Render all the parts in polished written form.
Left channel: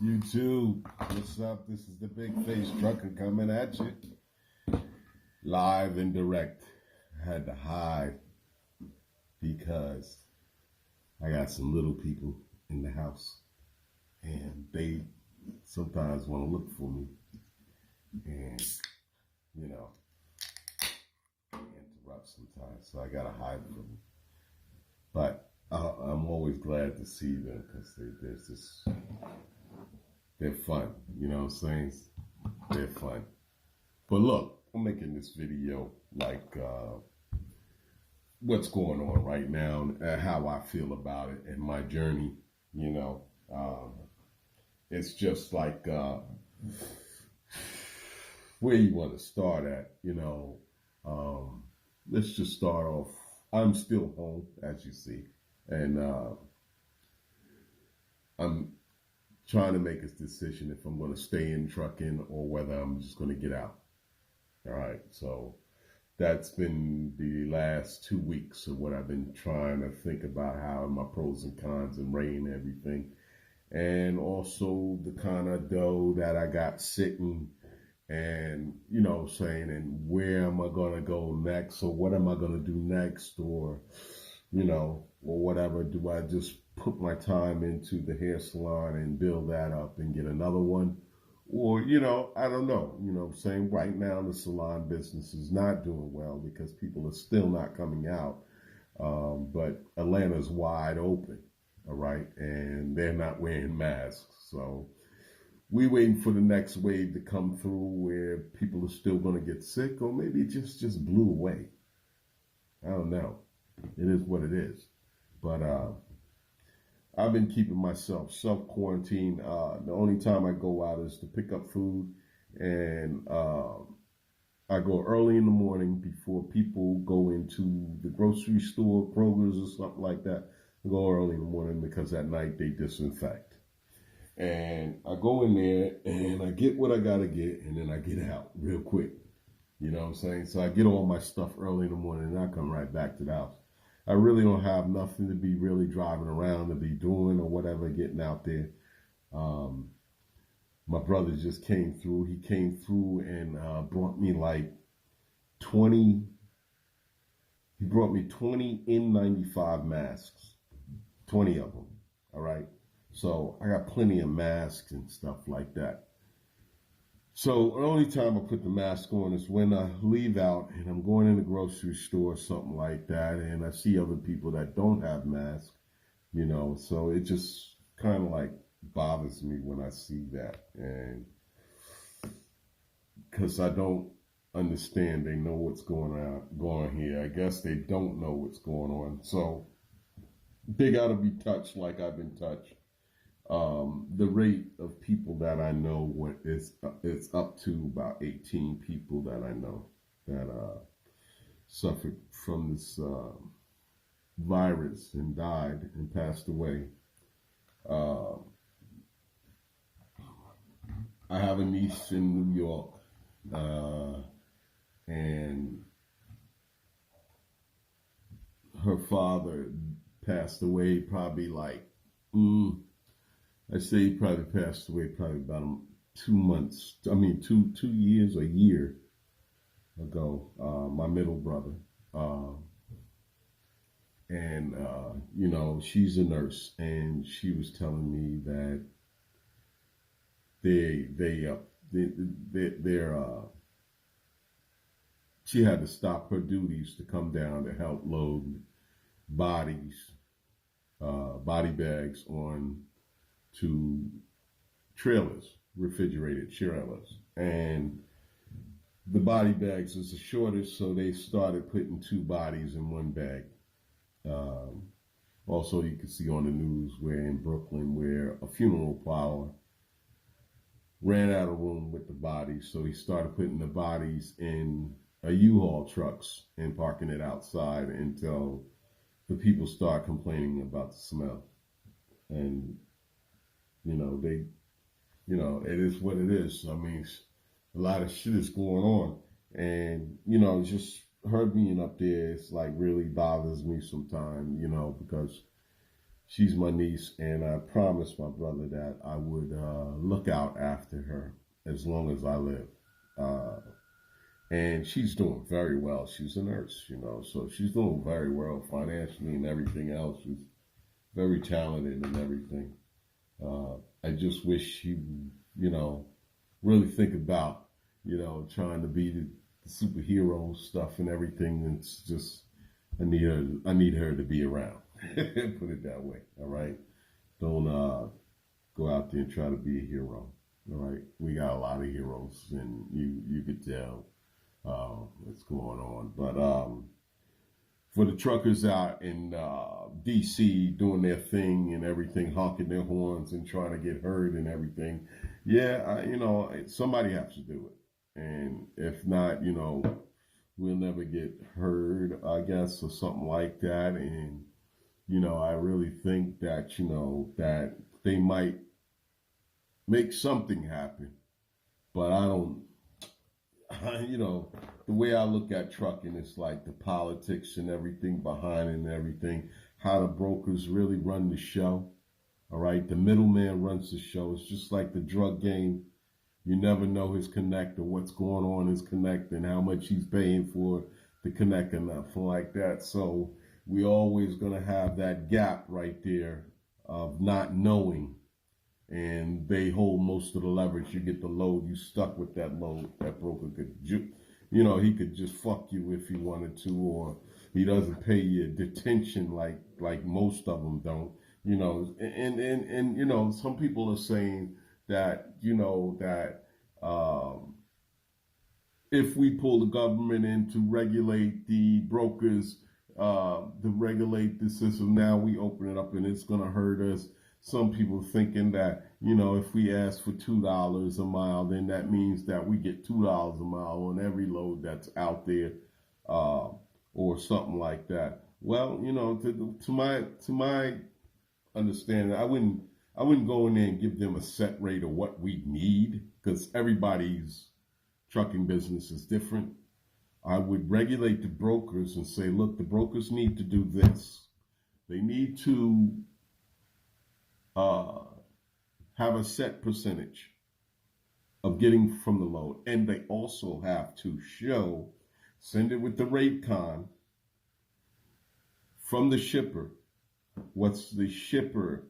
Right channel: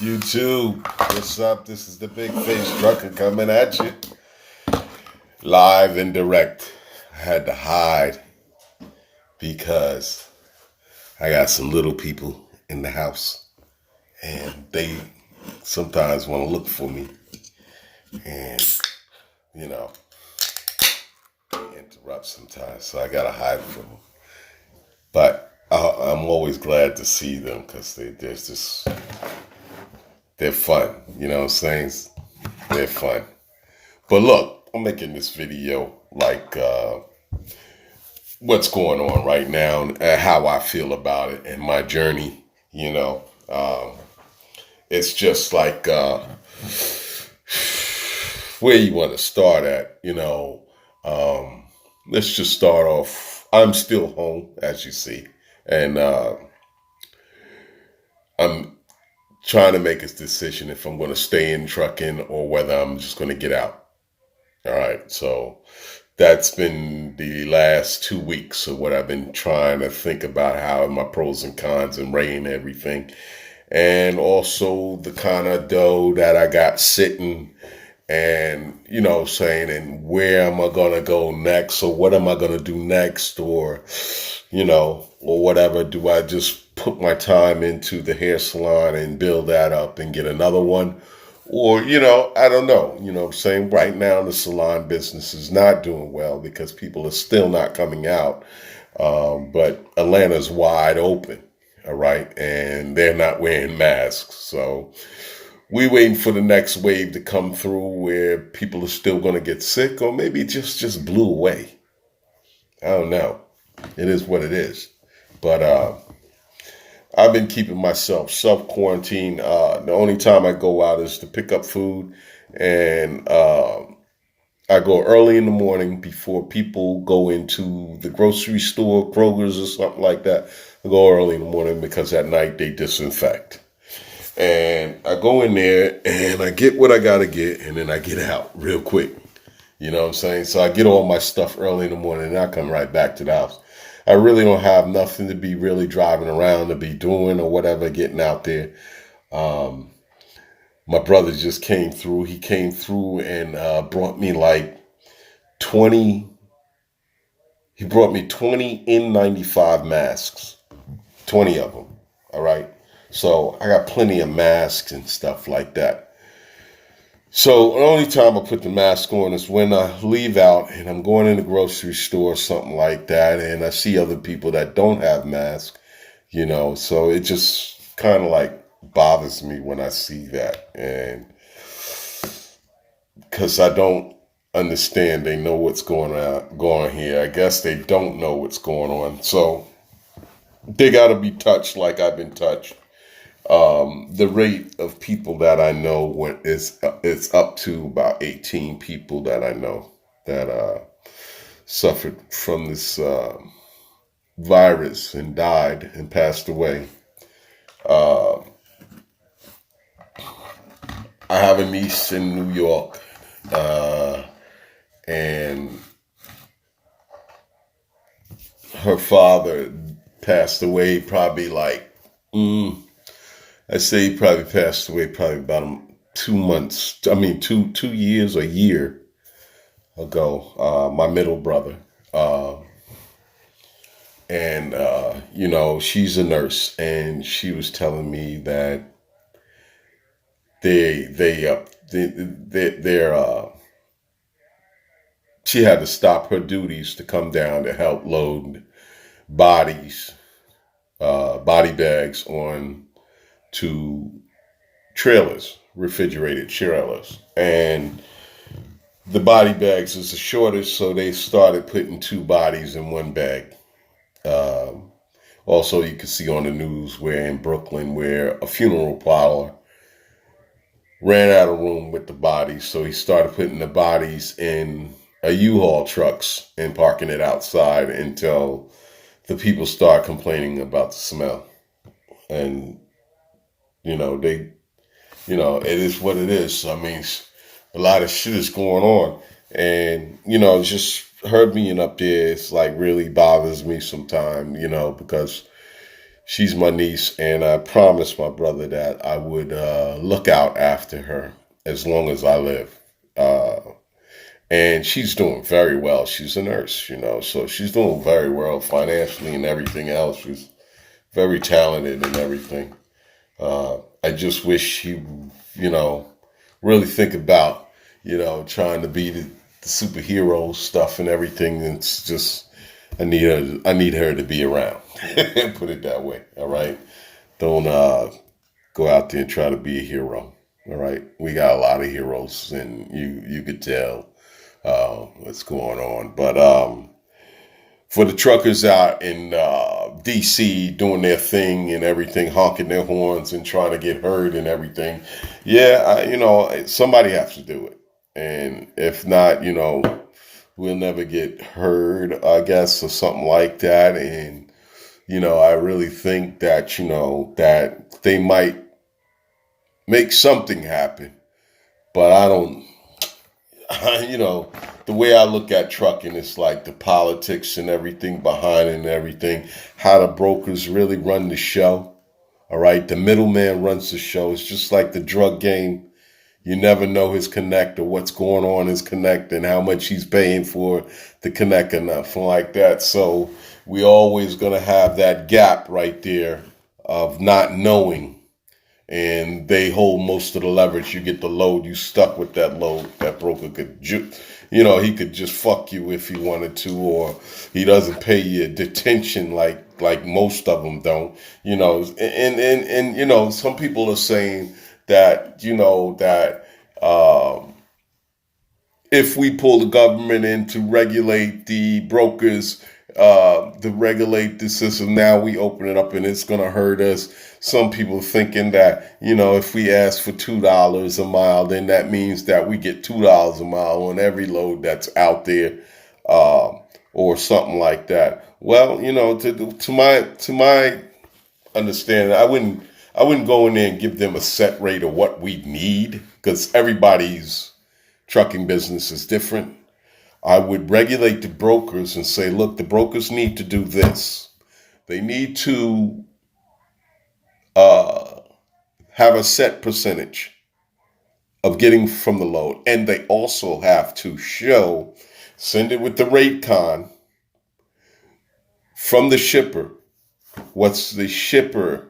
YouTube, what's up? This is the Big Face Trucker coming at you live and direct. I had to hide because I got some little people in the house and they sometimes want to look for me and, you know, they interrupt sometimes. So I got to hide from them. But I'm always glad to see them because they're fun. You know what I'm saying? They're fun. But look, I'm making this video like what's going on right now and how I feel about it and my journey. You know, it's just like where you want to start at. Let's just start off. I'm still home, as you see, and I'm trying to make a decision if I'm going to stay in trucking or whether I'm just going to get out. All right, so that's been the last 2 weeks of what I've been trying to think about how my pros and cons and weighing everything. And also the kind of dough that I got sitting and, saying, and where am I going to go next? Or what am I going to do next? Or whatever. Do I just put my time into the hair salon and build that up and get another one? Or, I don't know. I'm saying? Right now, the salon business is not doing well because people are still not coming out. But Atlanta's wide open, all right? And they're not wearing masks. So we waiting for the next wave to come through where people are still going to get sick, or maybe it just blew away. I don't know. It is what it is. But I've been keeping myself self quarantine. The only time I go out is to pick up food, and I go early in the morning before people go into the grocery store, Kroger's or something like that. I go early in the morning because at night they disinfect. And I go in there and I get what I got to get, and then I get out real quick. You know what I'm saying? So I get all my stuff early in the morning and I come right back to the house. I really don't have nothing to be really driving around to be doing or whatever, getting out there. Um, my brother just came through. He came through and brought me like 20, he brought me 20 N95 masks, 20 of them. All right. So I got plenty of masks and stuff like that. So the only time I put the mask on is when I leave out and I'm going in the grocery store or something like that, and I see other people that don't have masks, So it just kind of like bothers me when I see that, and because I don't understand, they know what's going here. I guess they don't know what's going on, so they got to be touched like I've been touched. The rate of people that I know it's up to about 18 people that I know that suffered from this virus and died and passed away. Uh, I have a niece in New York, and her father passed away probably like, I say he probably passed away probably about 2 months. I mean, 2 years, a year ago. My middle brother, and she's a nurse, and she was telling me that they're she had to stop her duties to come down to help load bodies, body bags on to trailers, refrigerated trailers, and the body bags is a shortage, so they started putting two bodies in one bag. Um, Also, you can see on the news where in Brooklyn, where a funeral parlor ran out of room with the bodies, so he started putting the bodies in a U-Haul trucks and parking it outside until the people start complaining about the smell. And they, it is what it is. I mean, a lot of shit is going on, and just her being up there, it's like really bothers me sometimes, because She's my niece, and I promised my brother that I would look out after her as long as I live. Uh, and she's doing very well. She's a nurse, so she's doing very well financially and everything else. She's very talented and everything. I just wish she, you know, really think about, trying to be the superhero stuff and everything. It's just I need her to be around. Put it that way. All right. Don't go out there and try to be a hero. All right. We got a lot of heroes, and you could tell what's going on. But for the truckers out in DC doing their thing and everything, honking their horns and trying to get heard and everything, yeah, somebody has to do it. And if not, we'll never get heard, I guess, or something like that. And I really think that that they might make something happen, but I don't. The way I look at trucking is like the politics and everything behind it and everything, how the brokers really run the show. All right. The middleman runs the show. It's just like the drug game. You never know his connect or what's going on his connect and how much he's paying for the connect or nothing like that. So we always gonna have that gap right there of not knowing, and they hold most of the leverage. You get the load, you stuck with that load. That broker could, he could just fuck you if he wanted to, or he doesn't pay you detention like most of them don't. And some people are saying that if we pull the government in to regulate the brokers, to regulate the system, now we open it up and it's going to hurt us. Some people thinking that, if we ask for $2 a mile, then that means that we get $2 a mile on every load that's out there, or something like that. Well, to my understanding, I wouldn't go in there and give them a set rate of what we need, because everybody's trucking business is different. I would regulate the brokers and say, look, the brokers need to do this. They need to uh, have a set percentage of getting from the load. And they also have to send it with the rate con from the shipper, what's the shipper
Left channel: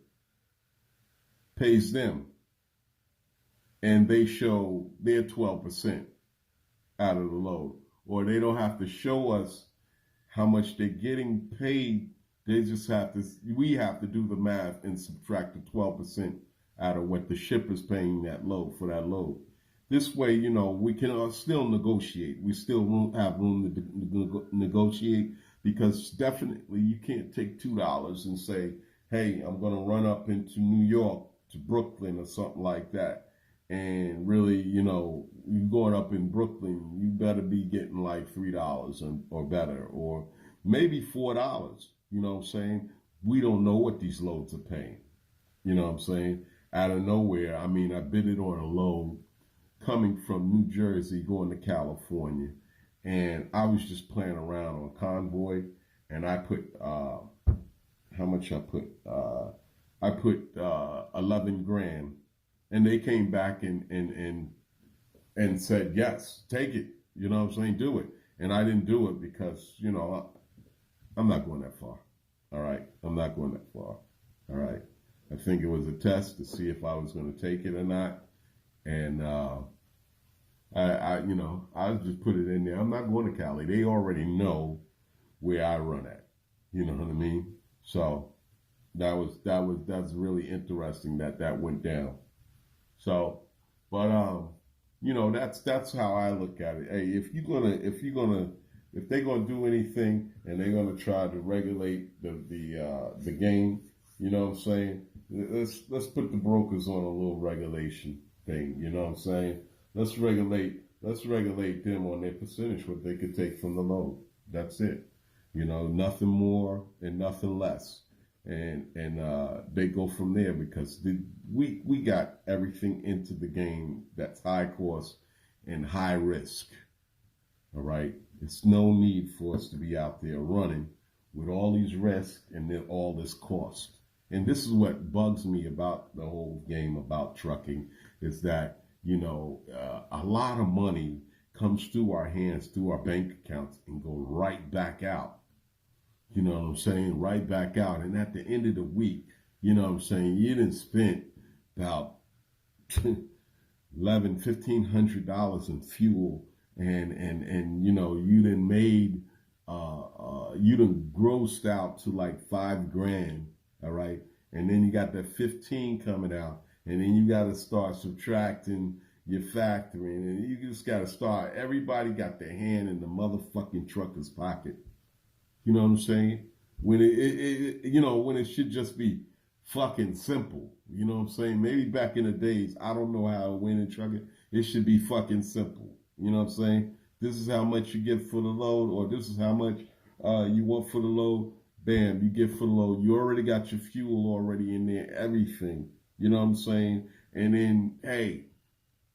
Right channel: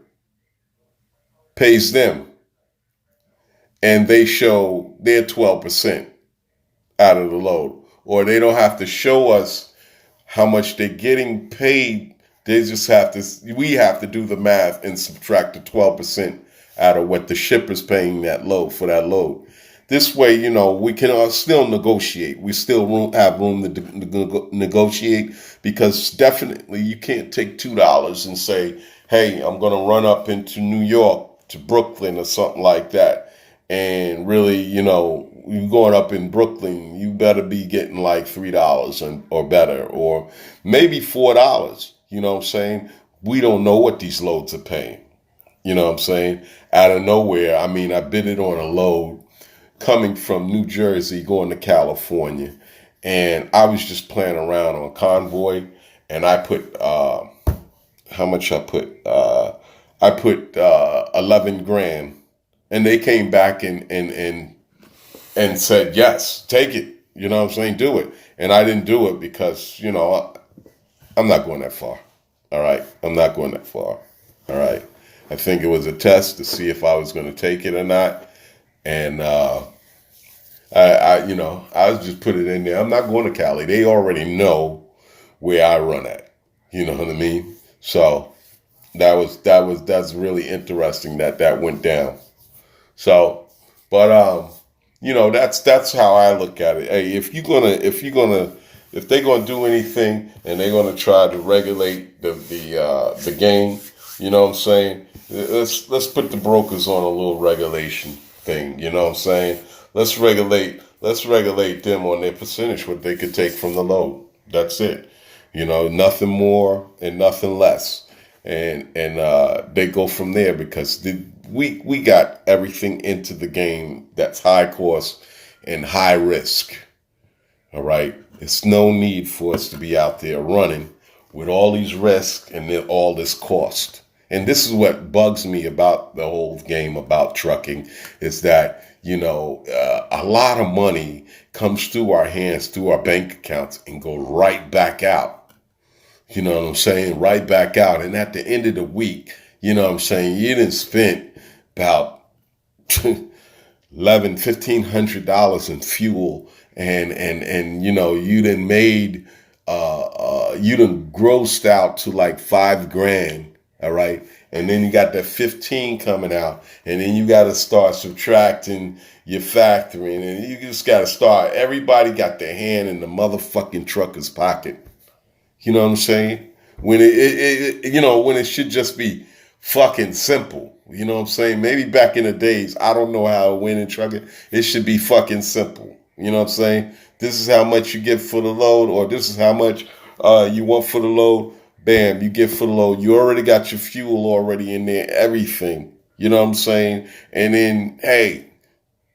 pays them. And they show their 12% out of the load. Or they don't have to show us how much they're getting paid. We have to do the math and subtract the 12% out of what the shipper's paying for that load. This way, we can still negotiate. We still have room to negotiate, because definitely you can't take $2 and say, hey, I'm going to run up into New York to Brooklyn or something like that. And really, you going up in Brooklyn, you better be getting like $3 or better, or maybe $4. You know what I'm saying? We don't know what these loads are paying. You know what I'm saying? Out of nowhere, I mean, I bid it on a load coming from New Jersey going to California, and I was just playing around on Convoy, and I put how much I put? I put 11 grand, and they came back and said, yes, take it. You know what I'm saying? Do it. And I didn't do it because, I'm not going that far. All right. I'm not going that far. All right. I think it was a test to see if I was going to take it or not. And I just put it in there. I'm not going to Cali. They already know where I run at. You know what I mean? So that's really interesting that went down. So, but that's how I look at it. Hey, if they're gonna do anything and they're gonna try to regulate the game, you know what I'm saying? Let's put the brokers on a little regulation thing. You know what I'm saying? Let's regulate them on their percentage, what they could take from the load. That's it. Nothing more and nothing less. And they go from there, because we got everything into the game that's high cost and high risk. All right. It's no need for us to be out there running with all these risks and then all this cost. And this is what bugs me about the whole game about trucking is that, a lot of money comes through our hands, through our bank accounts, and go right back out. You know what I'm saying? Right back out. And at the end of the week, you know what I'm saying? You didn't spend about 11, $1,500 in fuel, and you done made you done grossed out to like 5 grand. All right. And then you got that 15 coming out, and then you got to start subtracting your factoring, and you just got to start. Everybody got their hand in the motherfucking trucker's pocket. You know what I'm saying? When when it should just be fucking simple. You know what I'm saying? Maybe back in the days, I don't know how it went in trucking. It should be fucking simple. You know what I'm saying? This is how much you get for the load, or this is how much you want for the load. Bam, you get for the load. You already got your fuel already in there, everything. You know what I'm saying? And then, hey,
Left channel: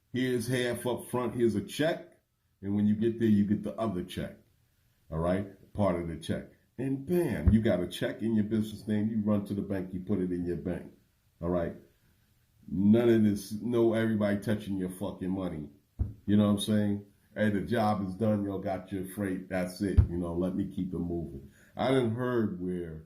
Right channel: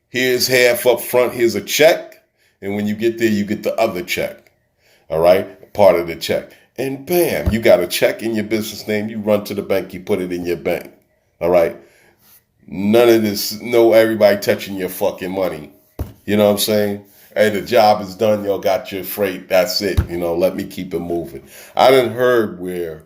here's half up front. Here's a check. And when you get there, you get the other check. All right, part of the check. And bam, you got a check in your business name. You run to the bank, you put it in your bank. All right. None of this, no everybody touching your fucking money. You know what I'm saying? Hey, the job is done. Y'all got your freight. That's it. Let me keep it moving. I done heard where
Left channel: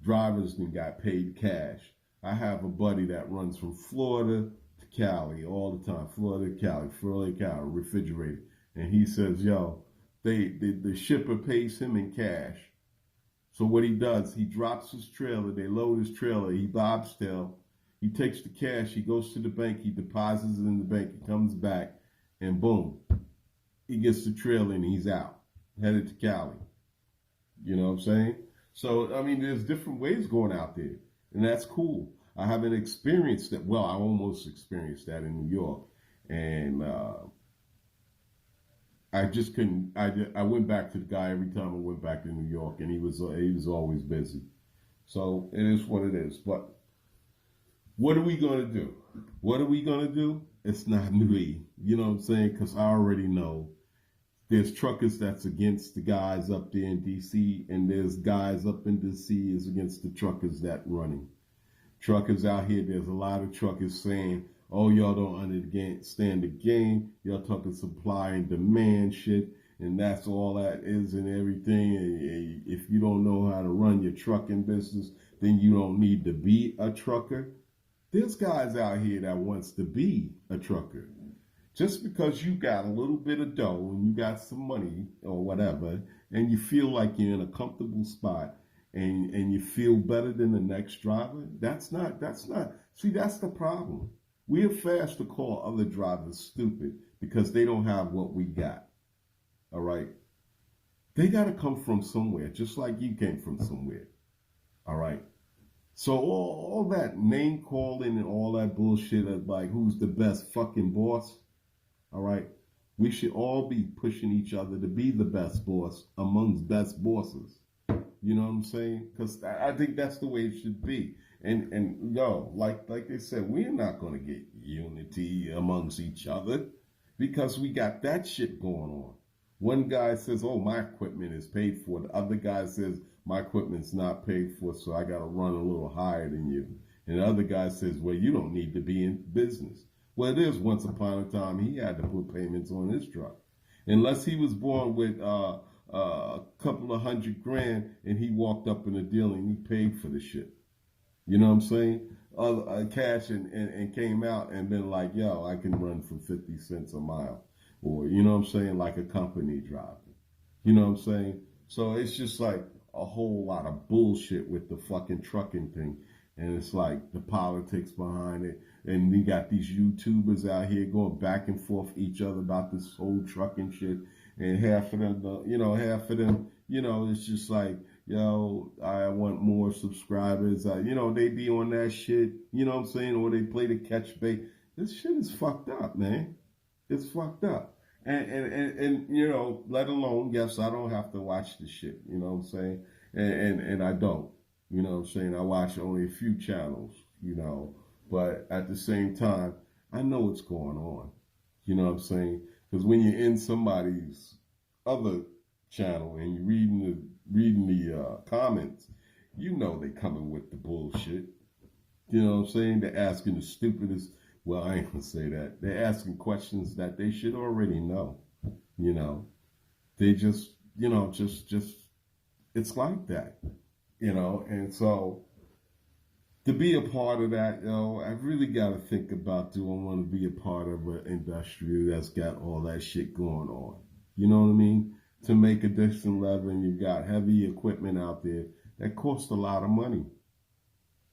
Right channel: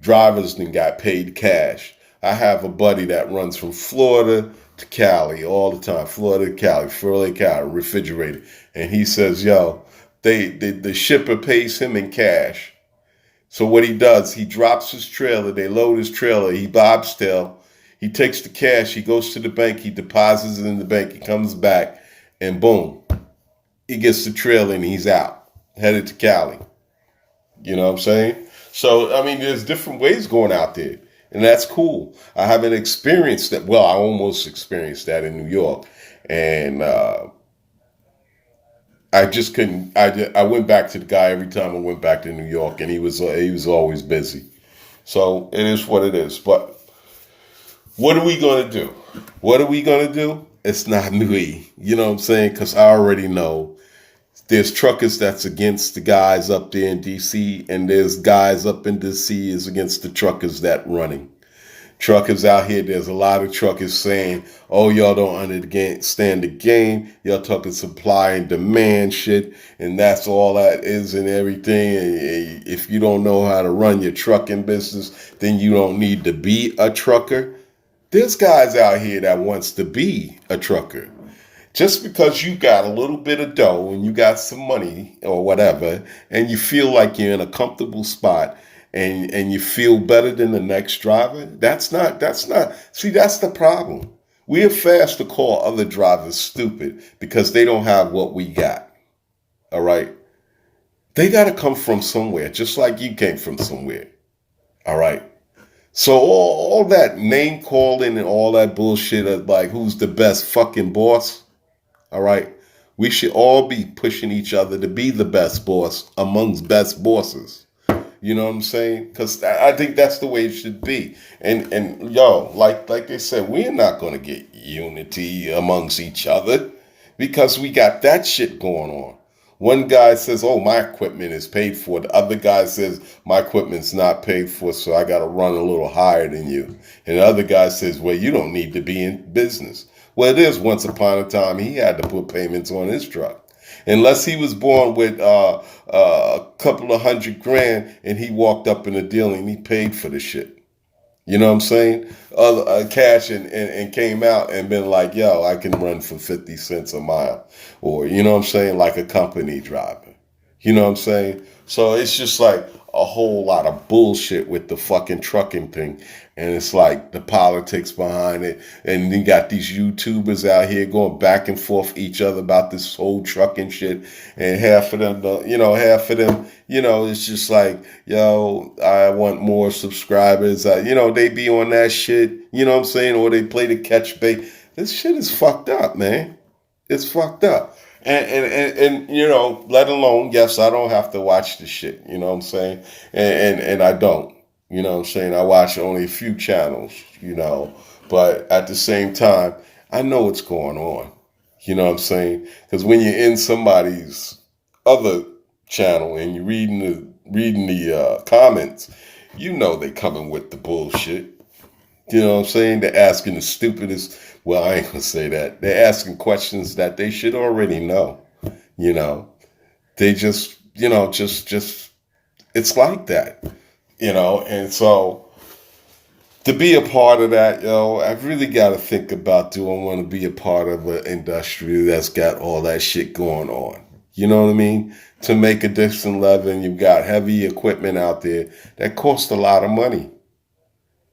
drivers then got paid cash. I have a buddy that runs from Florida to Cali all the time. Florida to Cali, Florida to Cali, refrigerated. And he says, yo, the shipper pays him in cash. So what he does, he drops his trailer, they load his trailer, he bobtail, he takes the cash, he goes to the bank, he deposits it in the bank, he comes back, and boom, he gets the trailer and he's out, headed to Cali. You know what I'm saying? So, I mean, there's different ways going out there, and that's cool. I haven't experienced that. Well, I almost experienced that in New York, and I just couldn't. I went back to the guy every time I went back to New York, and he was always busy. So it is what it is. But what are we gonna do? What are we gonna do? It's not me. You know what I'm saying? Because I already know there's truckers that's against the guys up there in DC, and there's guys up in DC is against the truckers that running. Truckers out here, there's a lot of truckers saying, oh, y'all don't understand the game. Y'all talking supply and demand shit, and that's all that is and everything. And if you don't know how to run your trucking business, then you don't need to be a trucker. There's guys out here that wants to be a trucker. Just because you got a little bit of dough and you got some money or whatever, and you feel like you're in a comfortable spot, and you feel better than the next driver, that's the problem. We are fast to call other drivers stupid because they don't have what we got. All right. They got to come from somewhere, just like you came from somewhere. All right. So all that name calling and all that bullshit of like who's the best fucking boss. All right. We should all be pushing each other to be the best boss amongst best bosses. You know what I'm saying? Because I think that's the way it should be. And yo, like they said, we're not gonna get unity amongst each other because we got that shit going on. One guy says, "Oh, my equipment is paid for." The other guy says, "My equipment's not paid for, so I got to run a little higher than you." And the other guy says, "Well, you don't need to be in business." Well, it is. Once upon a time, he had to put payments on his truck. Unless he was born with a couple of $100,000 and he walked up in a deal and he paid for the shit. You know what I'm saying? Cash and came out and been like, yo, I can run for 50 cents a mile. Or, you know what I'm saying? Like a company driver. You know what I'm saying? So it's just like a whole lot of bullshit with the fucking trucking thing. And it's like the politics behind it. And you got these YouTubers out here going back and forth each other about this whole trucking shit. And half of them, it's just like, yo, I want more subscribers. They be on that shit, you know what I'm saying? Or they play the catch bait. This shit is fucked up, man. It's fucked up. And let alone, yes, I don't have to watch the shit, you know what I'm saying? And I don't. You know what I'm saying? I watch only a few channels, but at the same time, I know what's going on. You know what I'm saying? Because when you're in somebody's other channel and you're reading the comments, they coming with the bullshit. You know what I'm saying? They're asking the stupidest, well, I ain't gonna say that. They're asking questions that they should already know. You know, they just, just it's like that, and so to be a part of that, I've really got to think about, do I want to be a part of an industry that's got all that shit going on? You know what I mean? To make a decent living, you've got heavy equipment out there that costs a lot of money.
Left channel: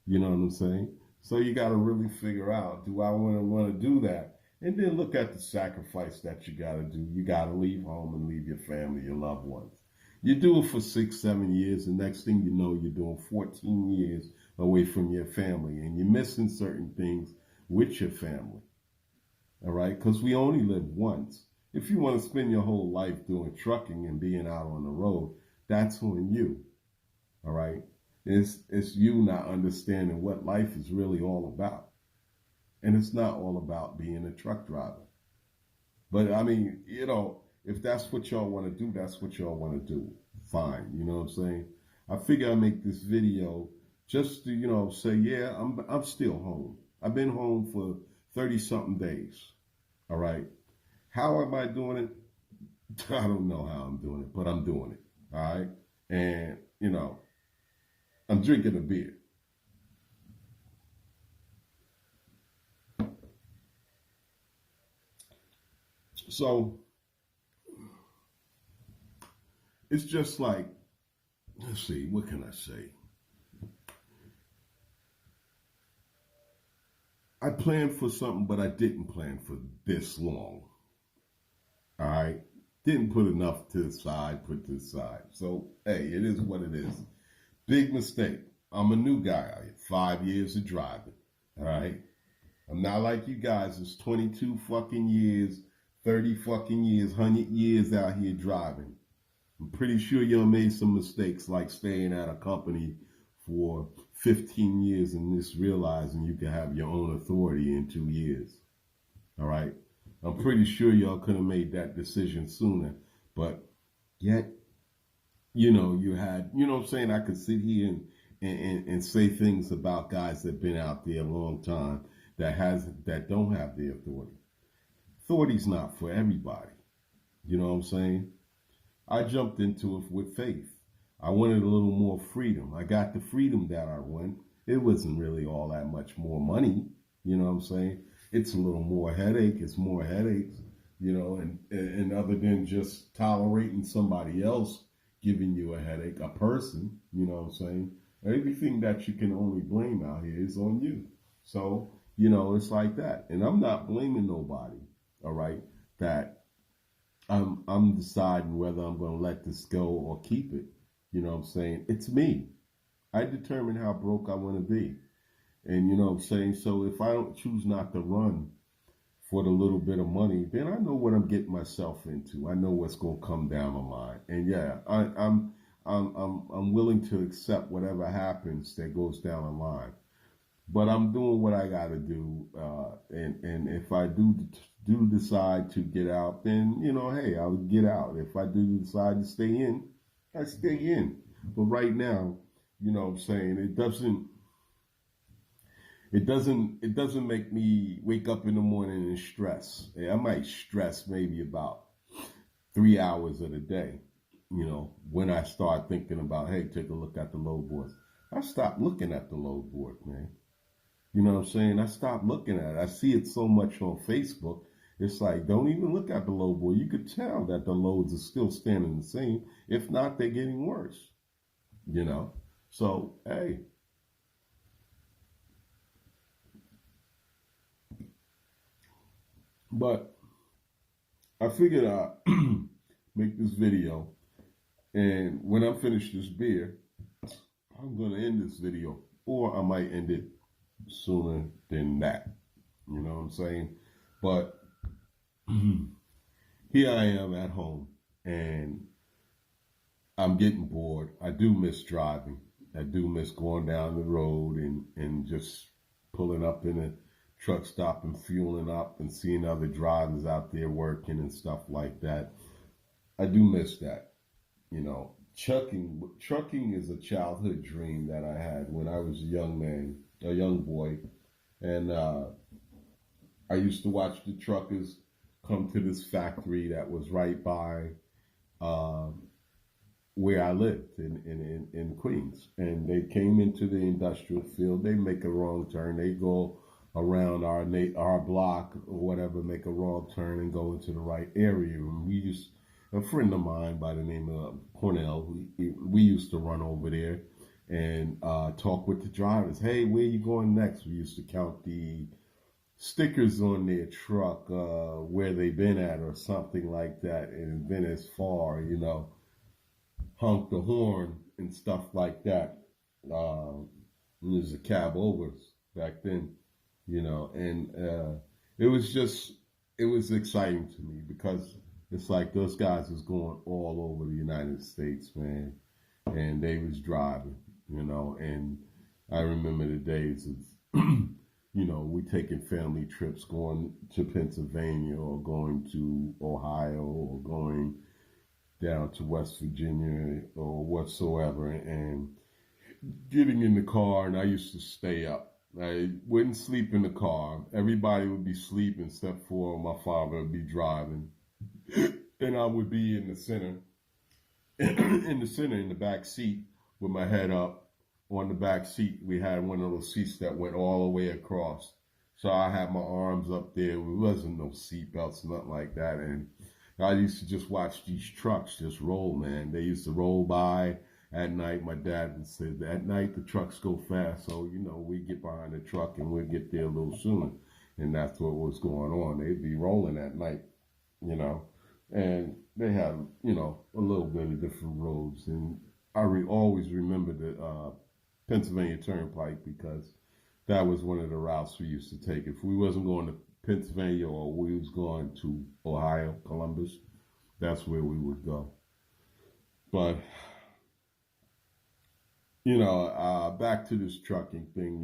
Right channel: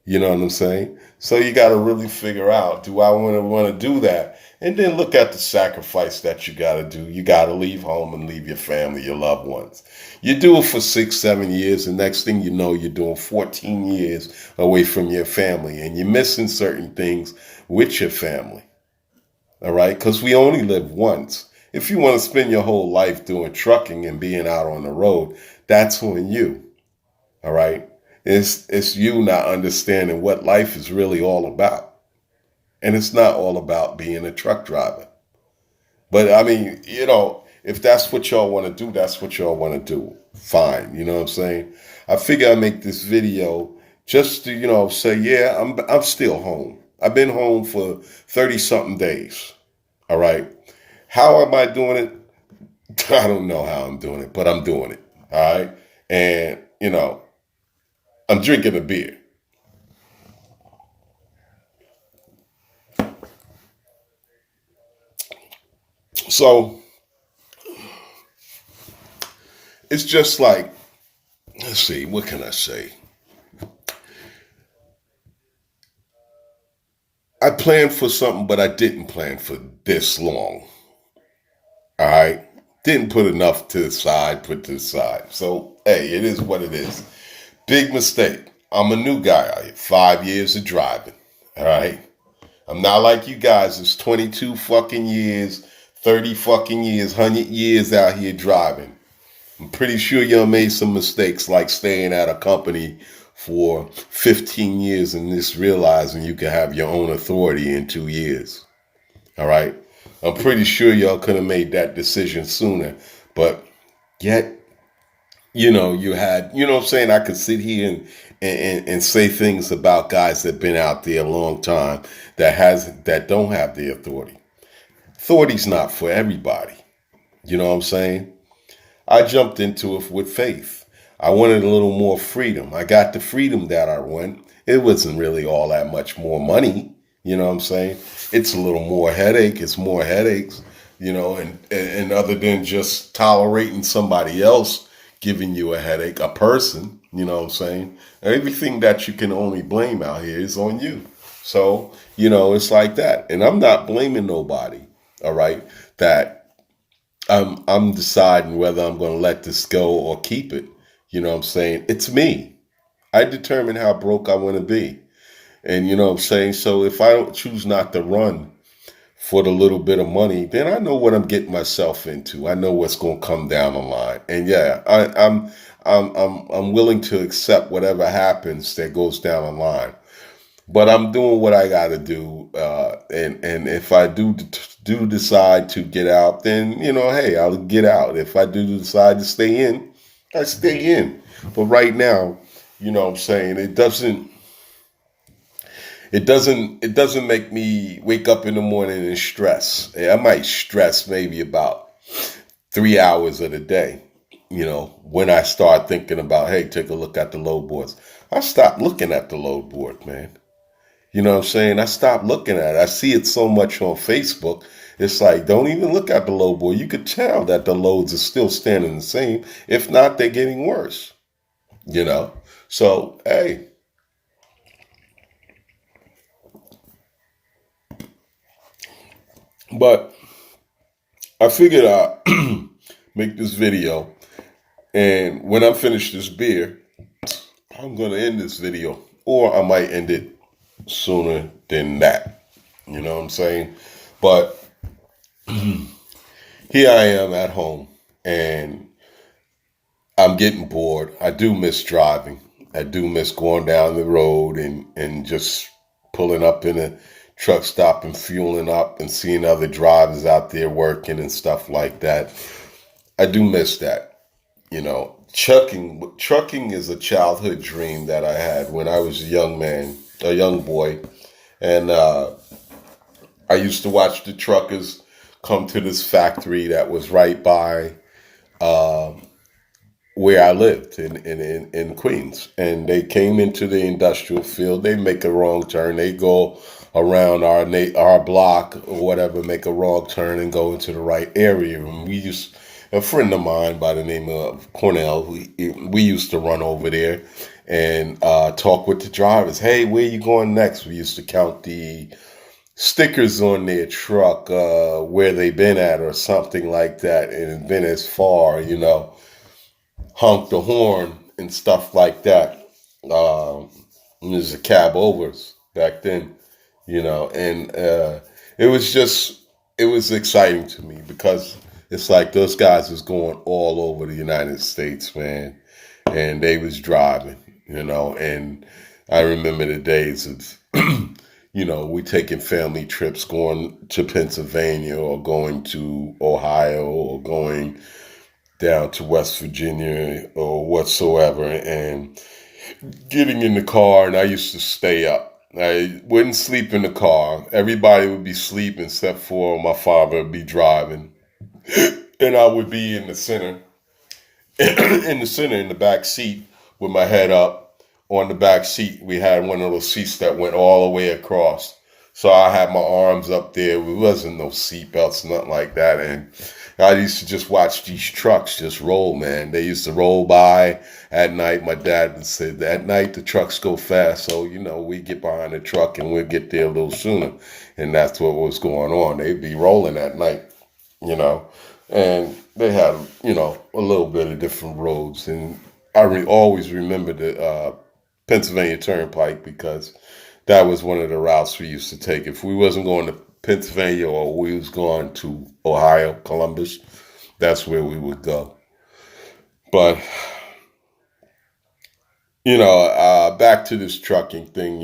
You know what I'm saying? So you got to really figure out, do I want to do that? And then look at the sacrifice that you got to do. You got to leave home and leave your family, your loved ones. You do it for 6, 7 years, and next thing you know, you're doing 14 years away from your family, and you're missing certain things with your family. All right? Because we only live once. If you want to spend your whole life doing trucking and being out on the road, that's on you. All right? It's you not understanding what life is really all about. And it's not all about being a truck driver. But I mean, if that's what y'all want to do, that's what y'all want to do. Fine. You know what I'm saying? I figure I make this video just to, say, yeah, I'm still home. I've been home for 30 something days. All right. How am I doing it? I don't know how I'm doing it, but I'm doing it. All right. And, I'm drinking a beer. So it's just like, let's see, what can I say? I planned for something, but I didn't plan for this long. All right. Didn't put enough to the side, put to the side. So, hey, it is what it is. Big mistake. I'm a new guy out here, 5 years of driving. All right. I'm not like you guys. It's 22 fucking years, 30 fucking years, 100 years out here driving. I'm pretty sure y'all made some mistakes like staying at a company for 15 years and just realizing you can have your own authority in 2 years. All right. I'm pretty sure y'all could have made that decision sooner. But yet, you had, what I'm saying? I could sit here and say things about guys that have been out there a long time that don't have the authority. Authority's not for everybody. You know what I'm saying? I jumped into it with faith. I wanted a little more freedom. I got the freedom that I want. It wasn't really all that much more money. You know what I'm saying? It's a little more headache. It's more headaches, and other than just tolerating somebody else giving you a headache, a person, you know what I'm saying? Everything that you can only blame out here is on you. So, it's like that. And I'm not blaming nobody, all right, that I'm deciding whether I'm going to let this go or keep it. You know what I'm saying? It's me. I determine how broke I want to be. And you know what I'm saying? So if I don't choose not to run for the little bit of money, then I know what I'm getting myself into. I know what's going to come down the line. And yeah, I'm willing to accept whatever happens that goes down the line. But I'm doing what I got to do, and if I do decide to get out, then hey, I'll get out. If I do decide to stay in, I stay in. But right now, what I'm saying, it doesn't make me wake up in the morning and stress. I might stress maybe about 3 hours of the day. When I start thinking about, hey, take a look at the load boards. I stop looking at the load board, man. You know what I'm saying? I stopped looking at it. I see it so much on Facebook. It's like, don't even look at the load board. You could tell that the loads are still standing the same. If not, they're getting worse. You know? So, hey, but I figured I'd make this video. And when I finish this beer, I'm going to end this video. Or I might end it sooner than that. You know what I'm saying? But here I am at home and I'm getting bored. I do miss driving. I do miss going down the road and just pulling up in a truck stop and fueling up and seeing other drivers out there working and stuff like that. I do miss that. Trucking is a childhood dream that I had when I was a young man. a young boy, and I used to watch the truckers come to this factory that was right by uh, where I lived in Queens. And they came into the industrial field. They make a wrong turn. They go around our block or whatever, make a wrong turn and go into the right area. And a friend of mine by the name of Cornell, we used to run over there and talk with the drivers. Hey, where you going next? We used to count the stickers on their truck, where they been at or something like that, and been as far, honk the horn and stuff like that. There's a cab overs back then, and it was just, it was exciting to me because it's like those guys was going all over the United States, man, and they was driving, and I remember the days of, we taking family trips going to Pennsylvania or going to Ohio or going down to West Virginia or whatsoever, and getting in the car. And I used to stay up. I wouldn't sleep in the car. Everybody would be sleeping except for my father would be driving. And I would be in the center, in the back seat with my head up on the back seat. We had one of those seats that went all the way across. So I had my arms up there. There wasn't no seat belts, nothing like that. And I used to just watch these trucks just roll, man. They used to roll by at night. My dad would say, at night the trucks go fast. So, we get behind the truck and we'll get there a little sooner. And that's what was going on. They'd be rolling at night, you know. And they had, a little bit of different roads. And I always remember the Pennsylvania Turnpike because that was one of the routes we used to take. If we wasn't going to Pennsylvania or we was going to Ohio, Columbus, that's where we would go. But, back to this trucking thing,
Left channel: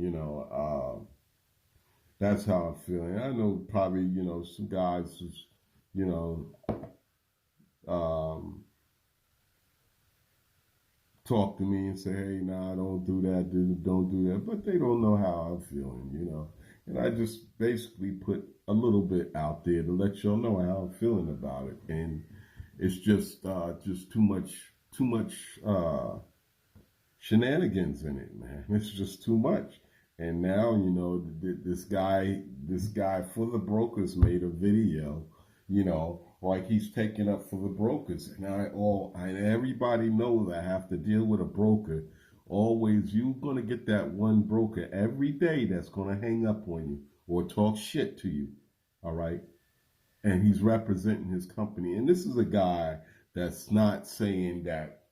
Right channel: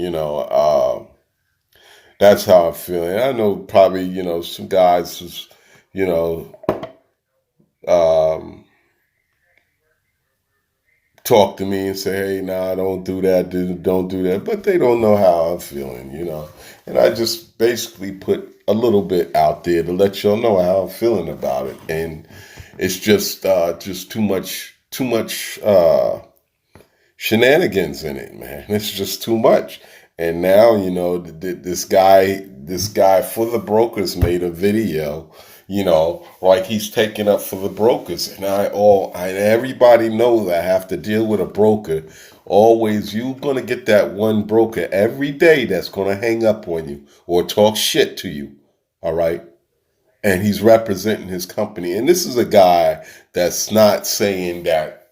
that's how I'm feeling. I know probably, some guys, you know, um, talk to me and say, hey, nah, don't do that, don't do that. But they don't know how I'm feeling. And I just basically put a little bit out there to let y'all know how I'm feeling about it. And it's just too much shenanigans in it, man. It's just too much. And now, this guy for the brokers made a video, like he's taking up for the brokers. And and everybody knows I have to deal with a broker. Always, you're gonna get that one broker every day that's gonna hang up on you or talk shit to you. All right. And he's representing his company. And this is a guy that's not saying that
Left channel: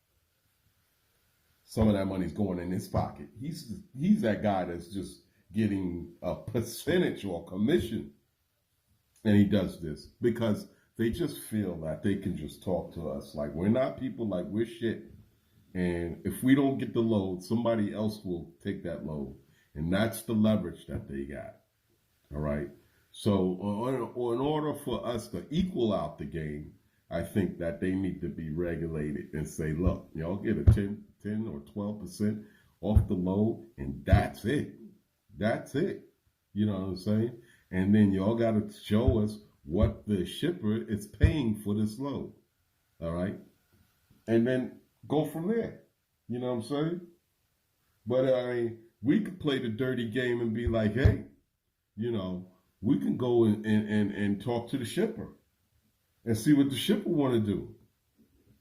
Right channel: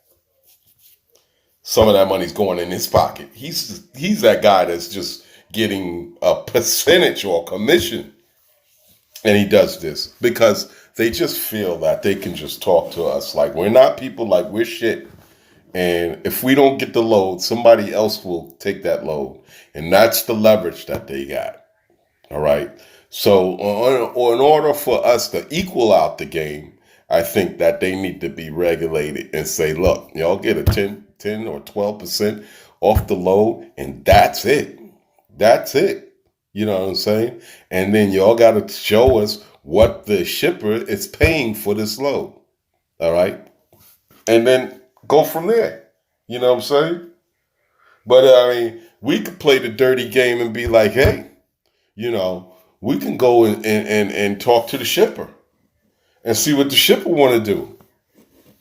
some of that money's going in his pocket. He's that guy that's just getting a percentage or commission. And he does this because they just feel that they can just talk to us like we're not people, like we're shit. And if we don't get the load, somebody else will take that load. And that's the leverage that they got. All right. So, in order for us to equal out the game, I think that they need to be regulated and say, look, y'all get a 10 or 12% off the load, and that's it. That's it. You know what I'm saying? And then y'all got to show us what the shipper is paying for this load. All right. And then go from there. You know what I'm saying? But I mean, we could play the dirty game and be like, hey, you know, we can go and talk to the shipper and see what the shipper want to do.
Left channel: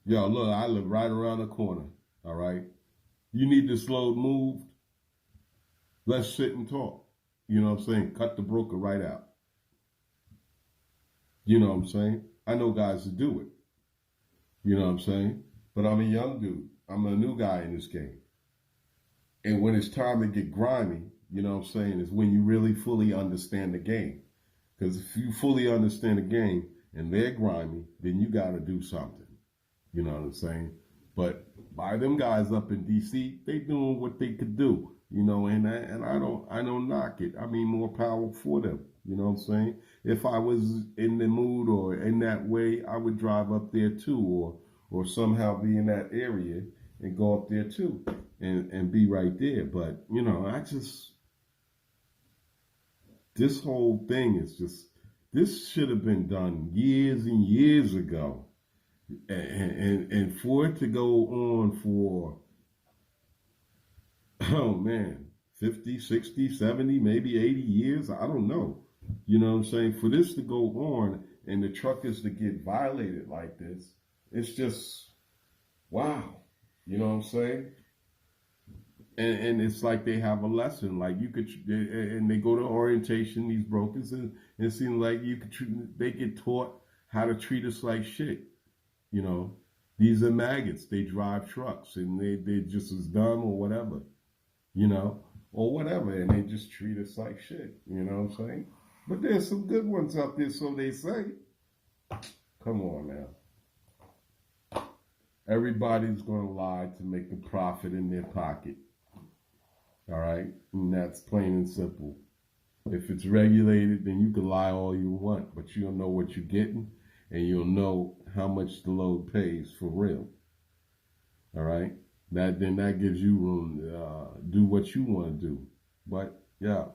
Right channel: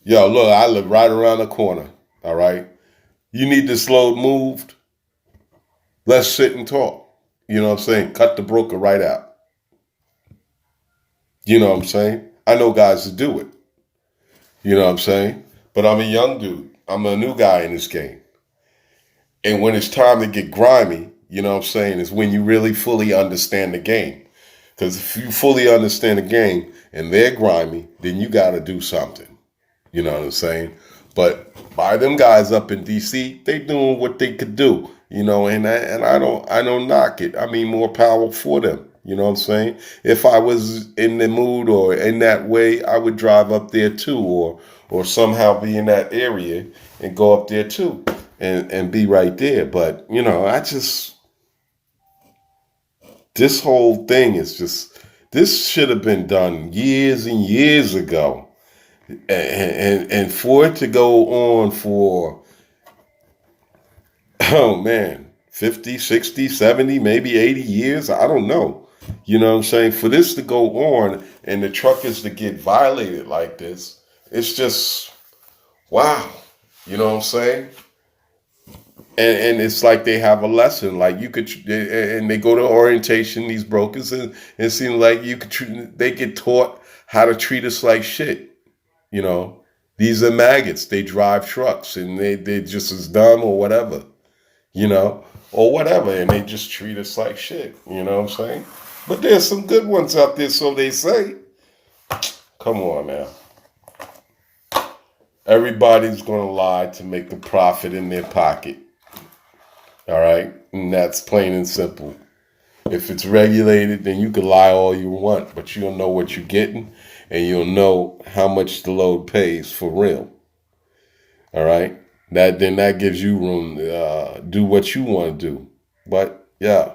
Yo, look, I live right around the corner. All right. You need this load moved. Let's sit and talk. You know what I'm saying? Cut the broker right out. You know what I'm saying? I know guys that do it. You know what I'm saying? But I'm a young dude. I'm a new guy in this game. And when it's time to get grimy, you know what I'm saying, is when you really fully understand the game. Because if you fully understand the game and they're grimy, then you got to do something. You know what I'm saying? But by them guys up in DC, they doing what they could do. And I don't knock it. I mean, more power for them. You know what I'm saying? If I was in the mood or in that way, I would drive up there too, or somehow be in that area and go up there too and be right there. But this whole thing is just, this should have been done years and years ago. And for it to go on for, oh man, 50, 60, 70, maybe 80 years, I don't know. You know what I'm saying? For this to go on and the truckers to get violated like this, it's just, wow. You know what I'm saying? And it's like they have a lesson. Like you could, and they go to orientation, these brokers, and it seems like you could, they get taught how to treat us like shit. You know, these are maggots. They drive trucks and they just as dumb or whatever, you know, or whatever. And they just treat us like shit. You know what I'm saying? But there's some good ones out there, so they say. Come on now. Everybody's going to lie to make the profit in their pocket. All right? And that's plain and simple. If it's regulated, then you can lie all you want, but you'll know what you're getting and you'll know how much the load pays for real. All right? That gives you room to do what you want to do. But yeah,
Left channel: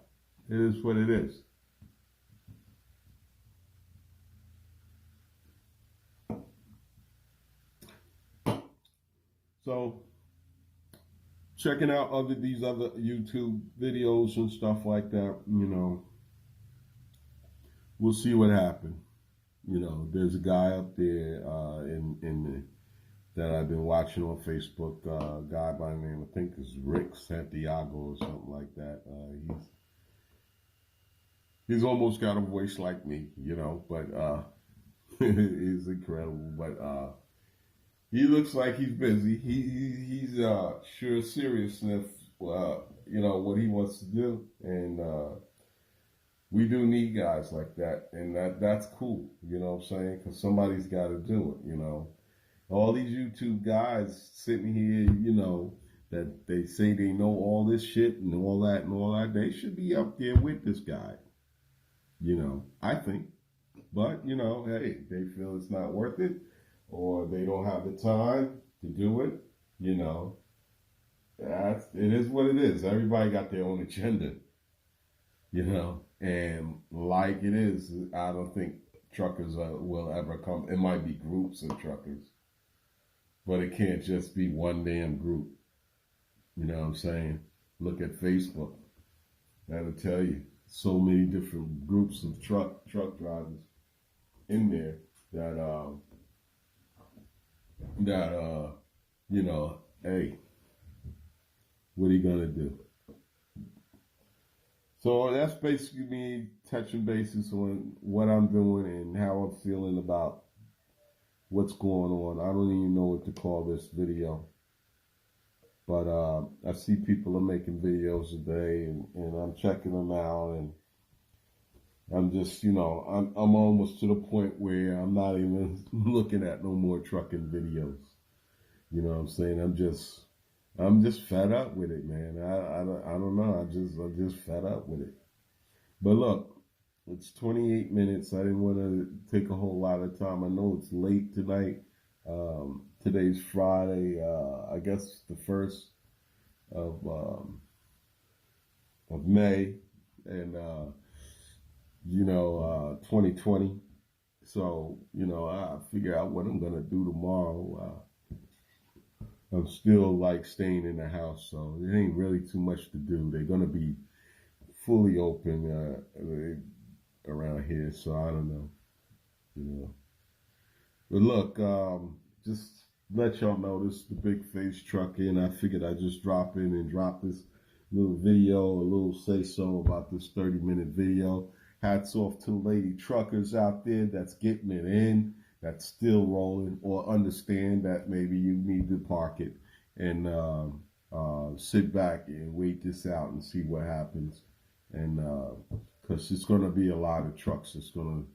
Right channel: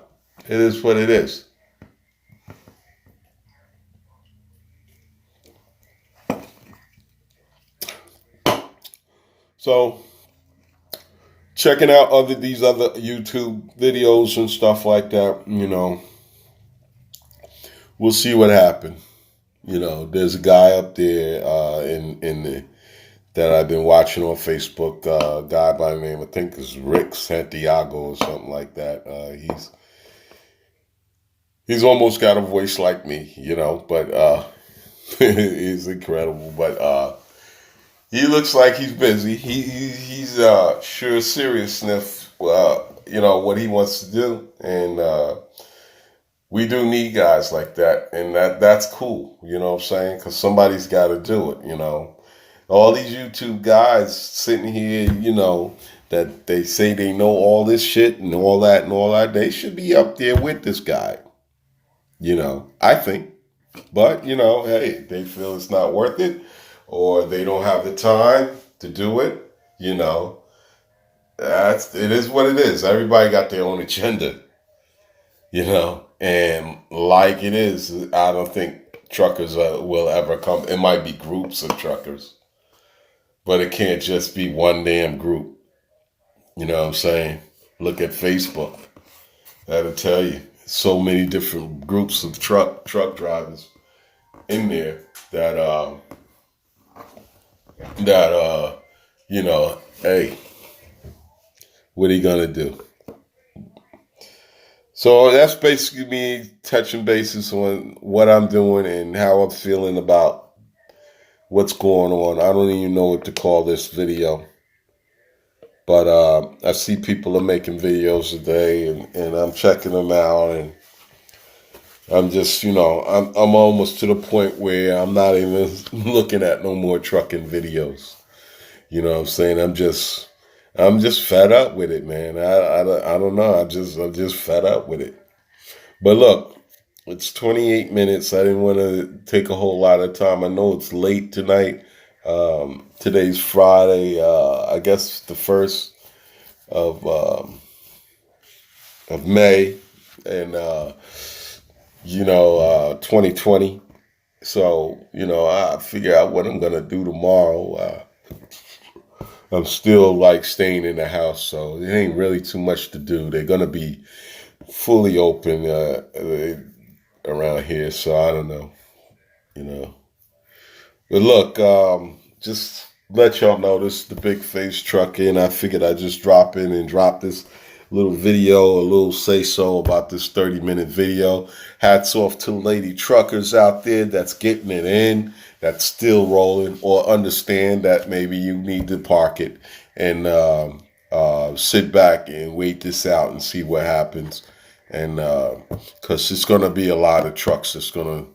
it is what it is. So checking out these other YouTube videos and stuff like that, you know, we'll see what happens. You know, there's a guy up there in the that I've been watching on Facebook. A guy by the name, I think is Rick Santiago or something like that. He's almost got a voice like me, you know, but he's incredible. But he looks like he's busy. He's sure serious enough, you know, what he wants to do, and we do need guys like that, and that's cool. You know what I'm saying? Because somebody's got to do it. You know, all these YouTube guys sitting here, you know, that they say they know all this shit and all that and all that. They should be up there with this guy. You know, I think. But, you know, hey, they feel it's not worth it or they don't have the time to do it, you know. It is what it is. Everybody got their own agenda, you know. And like it is, I don't think truckers will ever come. It might be groups of truckers, but it can't just be one damn group. You know what I'm saying? Look at Facebook. That'll tell you so many different groups of truck drivers in there that you know, hey, what are you gonna do? So that's basically me touching bases on what I'm doing and how I'm feeling about what's going on. I don't even know what to call this video. But I see people are making videos today and I'm checking them out, and I'm just, you know, I'm almost to the point where I'm not even looking at no more trucking videos. You know what I'm saying? I'm just fed up with it, man. I don't know. I'm just fed up with it. But look, it's 28 minutes. I didn't want to take a whole lot of time. I know it's late tonight. Today's Friday. I guess the first of May, and you know, 2020. So you know, I figure out what I'm gonna do tomorrow. I'm still like staying in the house, so it ain't really too much to do. They're gonna be fully open around here, so I don't know, you know. But look, just let y'all know this is the Big Face Truck in. I figured I'd just drop in and drop this little video, a little say so about this 30-minute video. Hats off to lady truckers out there that's getting it in, that's still rolling, or understand that maybe you need to park it and sit back and wait this out and see what happens. And because it's going to be a lot of trucks that's going to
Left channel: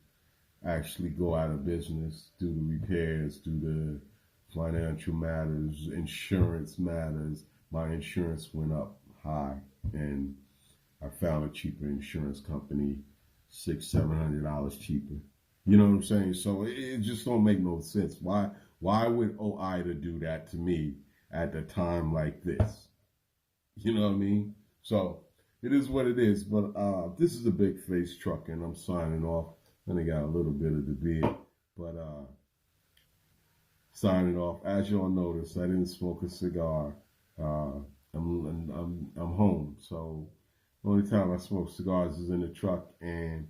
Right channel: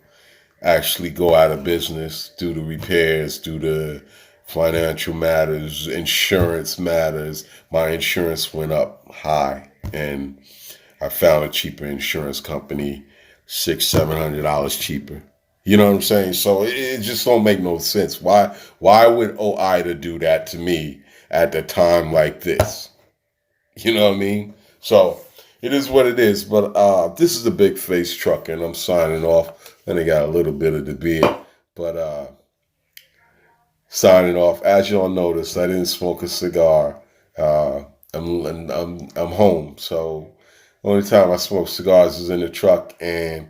actually go out of business due to repairs, due to financial matters, insurance matters. My insurance went up high, and I found a cheaper insurance company, $600-700 cheaper. You know what I'm saying? So it just don't make no sense. Why would OIDA do that to me at the time like this? You know what I mean? So It is what it is. But this is the Big Face Truck, and I'm signing off. And I got a little bit of the beard, but signing off. As y'all noticed, I didn't smoke a cigar. Uh, I'm home, so only time I smoke cigars is in the truck, and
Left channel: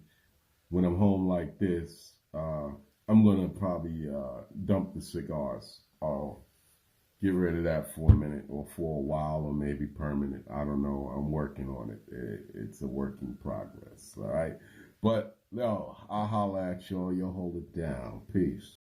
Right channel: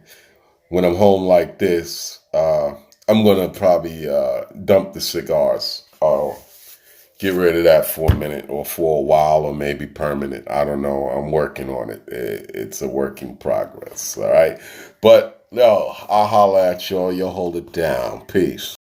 when I'm home like this, I'm gonna probably dump the cigars or get rid of that for a minute or for a while or maybe permanent. I don't know. I'm working on it. It's a work in progress. All right, but no, I'll holler at y'all. You'll hold it down. Peace.